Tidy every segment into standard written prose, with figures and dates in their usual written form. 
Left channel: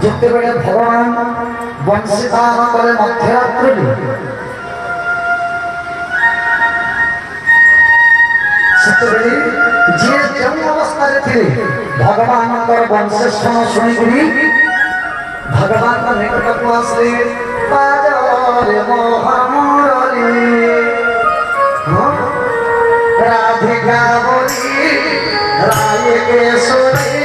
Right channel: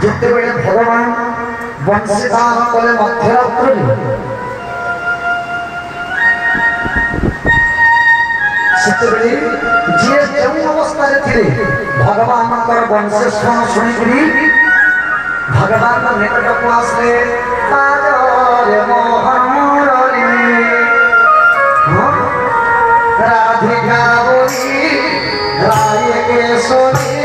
जितेबले भगवान वंशीधारण कले मध्यरात्रि सेतेबले जी जो अवस्था थे भगवान वंशेषण शुणी भगवान निकट को आसले राधिका बोली राय केशरी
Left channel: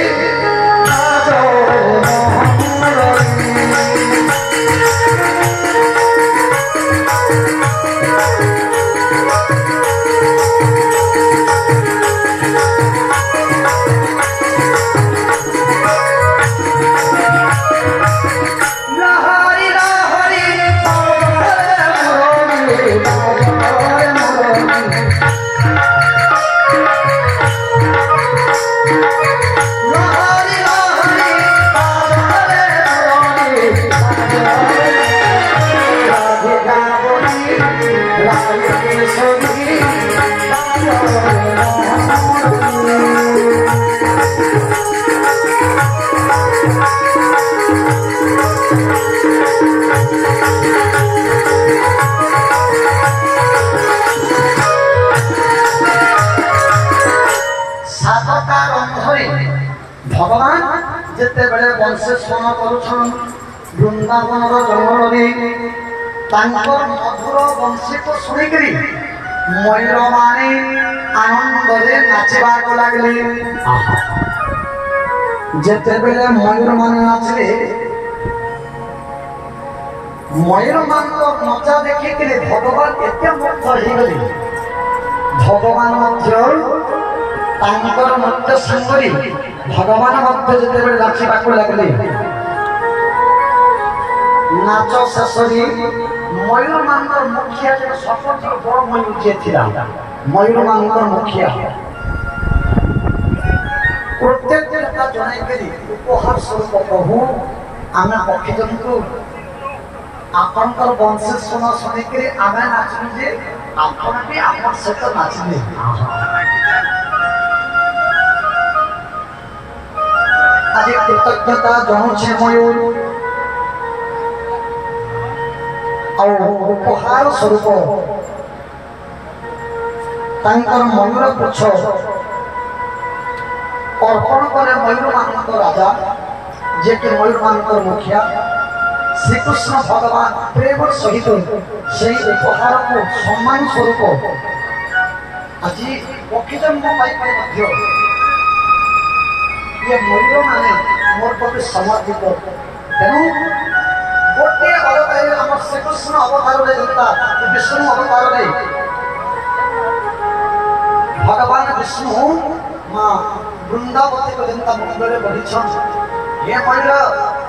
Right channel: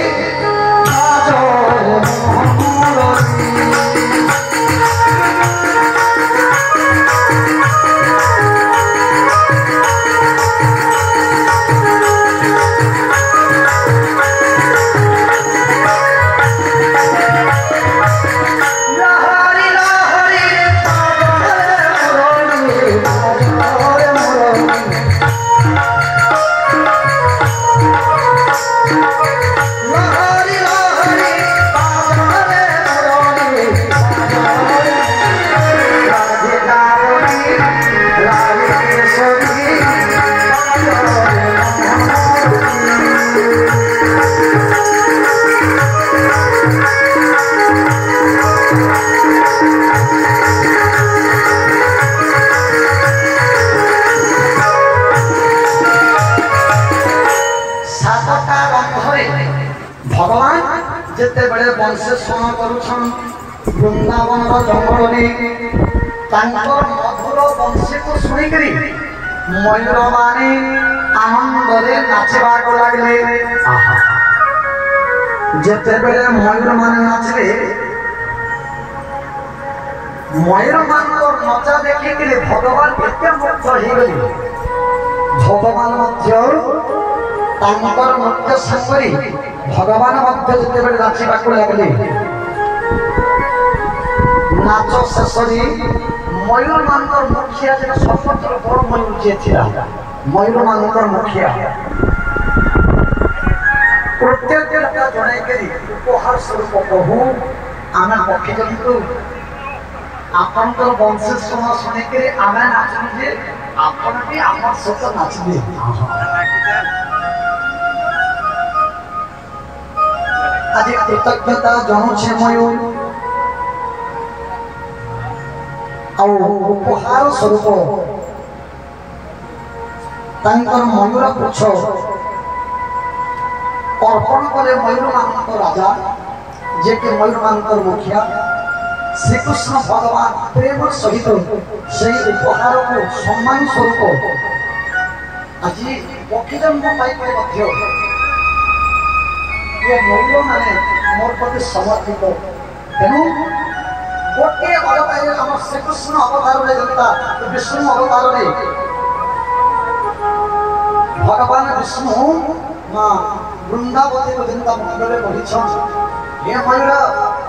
भगवान जिते बड़े वंशेषण करुछन वृंदावन जंगल मधुर वंशी को शुणिक मयूर माने आनंद नाचवा को लगले जिते बेले मयूर माने नाचले मयूर मान नचा देखिक भगवान एत मुग्ध हो गले भगवान नृत्य सांगरी भगवान जिते नाचवा लगले नाच शेष मयूर मान मुखिया सबुठ बड़ मयूर जी था मयूर मान मुखिया कृतज्ञता जन उपहार स्वरूप कहू आम पक्षी जंतु आपंकर वंशेषण शुणिक आम नाचू जे आपण भी आम सहित नाचले आज कृतज्ञता जनुछे मयूर उपहार स्वरूप मयूर पुछ अर्पण कले मयूर मान राजा जे कि मयूर मान मुखिया श्रीकृष्ण भगवान प्रेम सहित से उपहार को सम्मान स्वरूप आज पक्षी जन्म ये मयूर माने मोर प्रति समर्पित तेणु गोटे अवतार आम श्रीकृष्ण अवतार जनता विष्णु अवतार भगवान विष्णु माँ वृंदावती को जनता मुंडे बढ़ी ये मयूर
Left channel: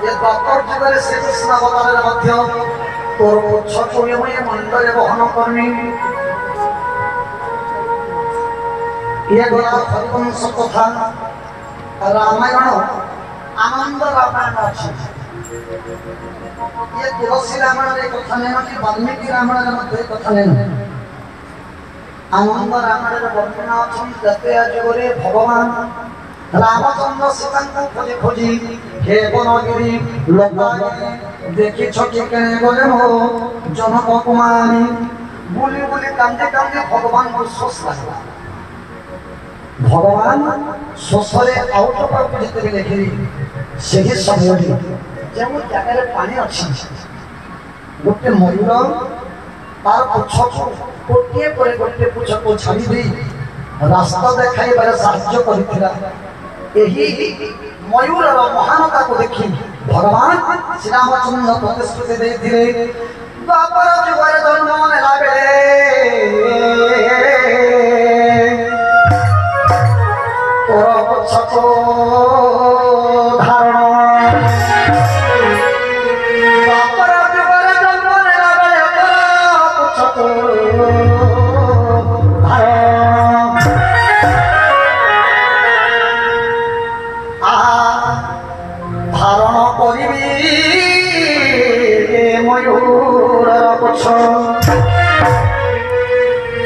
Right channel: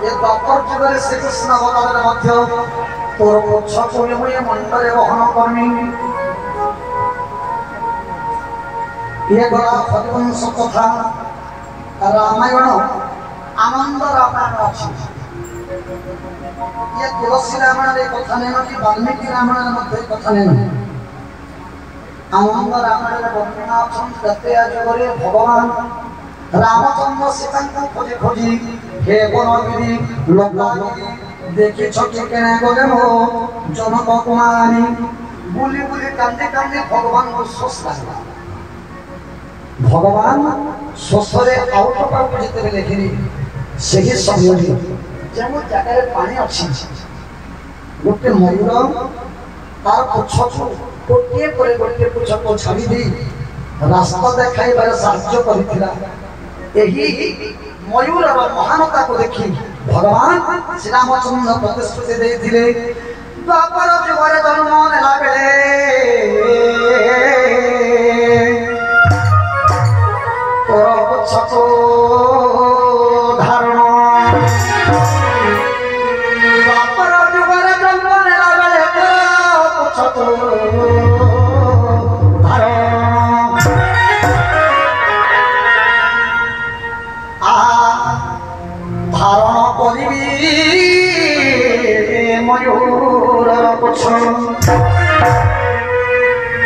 ये द्वापर जुगे श्रीकृष्ण अवतार तोर पुछ को मुंडे वहन करमी ये गला हरिवंश कथा रामायण आनंद रामायण अच्छी ये तुलसी रामायण कथा नहीं कि वाल्मीकि रामायण कथा नहीं आनंद रामायण वर्णना अच्छे जुगे भगवान रामचंद्र सीता को खोजी खोजी हे बनगिरी लोकागिरी देखी छकी केने गले मो जनक कुमारी बुली बुली कांदी कांदी भगवान को शोष लागला भगवान शोषरे आउट पाउट भीतर लेखिरी सही समय जो जगह पानी अच्छी गोटे मयूर तार पुछ को गोटे पर गोटे पुछ को छाड़ी दी रास्ता देखाइबार साहाय्य करथिला एही मयूर महानता को देखी भगवान श्री रामचंद्र प्रतिश्रुति देथिले द्वापर जुगे जन्म नेला बेले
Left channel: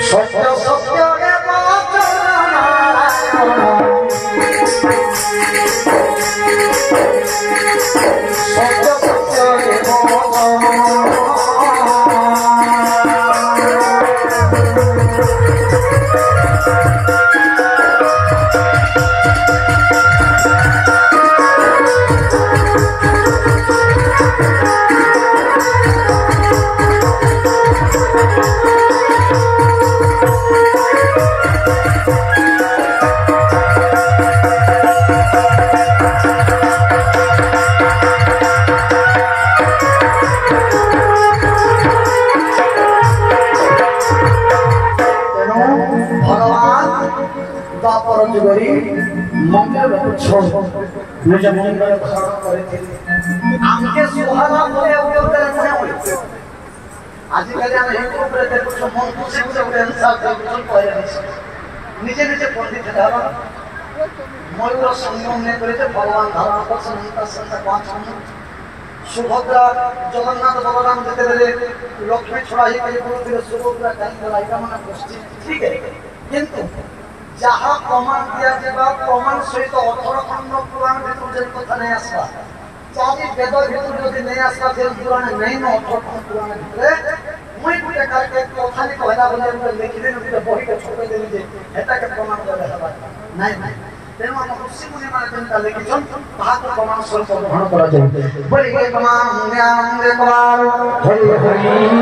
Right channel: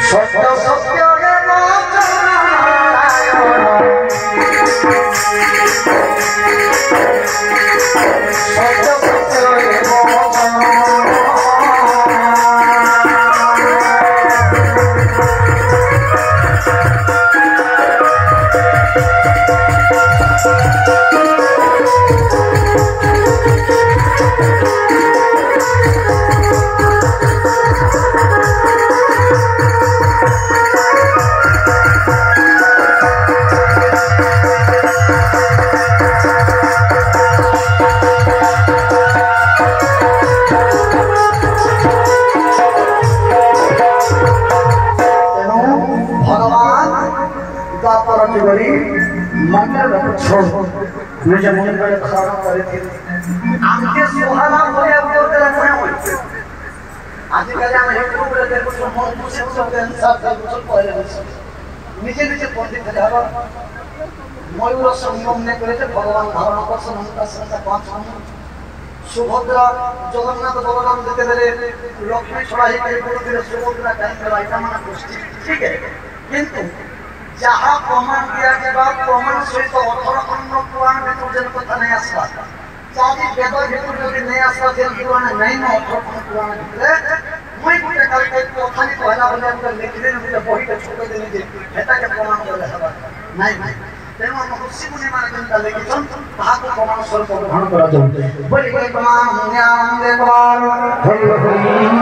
सत्य सत्य मंदिर छोड़ मुझे मंदिर धारण करे थे आमके सुहाना बोले उठे उठे कोने होई आजकल हम यूट्यूब रे देखो जो मन खुशी खुशी आंसर सब पहले नीचे नीचे पंडित धारा मयूर संगम ने करे थे भगवान धारण पर संता संता पांच सुभद्रा जगन्नाथ बलराम देते रे लक्ष्मी छोड़ा ही करे बोलते सुभद्रा काहे राइटा माने गोष्ठी ठीक है किंतु जहाँ प्रमाण दिया गया प्रमाण सहित 18 खंड पुराण भीतर जन कथा नहीं आसला चाहे वेद भीतर जदि नहीं आसला जन पुराण नहीं न 18 खंड पुराण भीतर मुई गुटे काल के कथा नि कहला बोले हम लिखले न गुटे बही के छोड़ देली जे एता के प्रमाण करे हबा नहीं नहीं तेनु हम ऋषि मुनि माने जनता लिखिसन ताहा को प्रमाण स्वरूप ग्रहण करा जाय बोले ये प्रमाण ज्ञान दे कुमार हरि हरि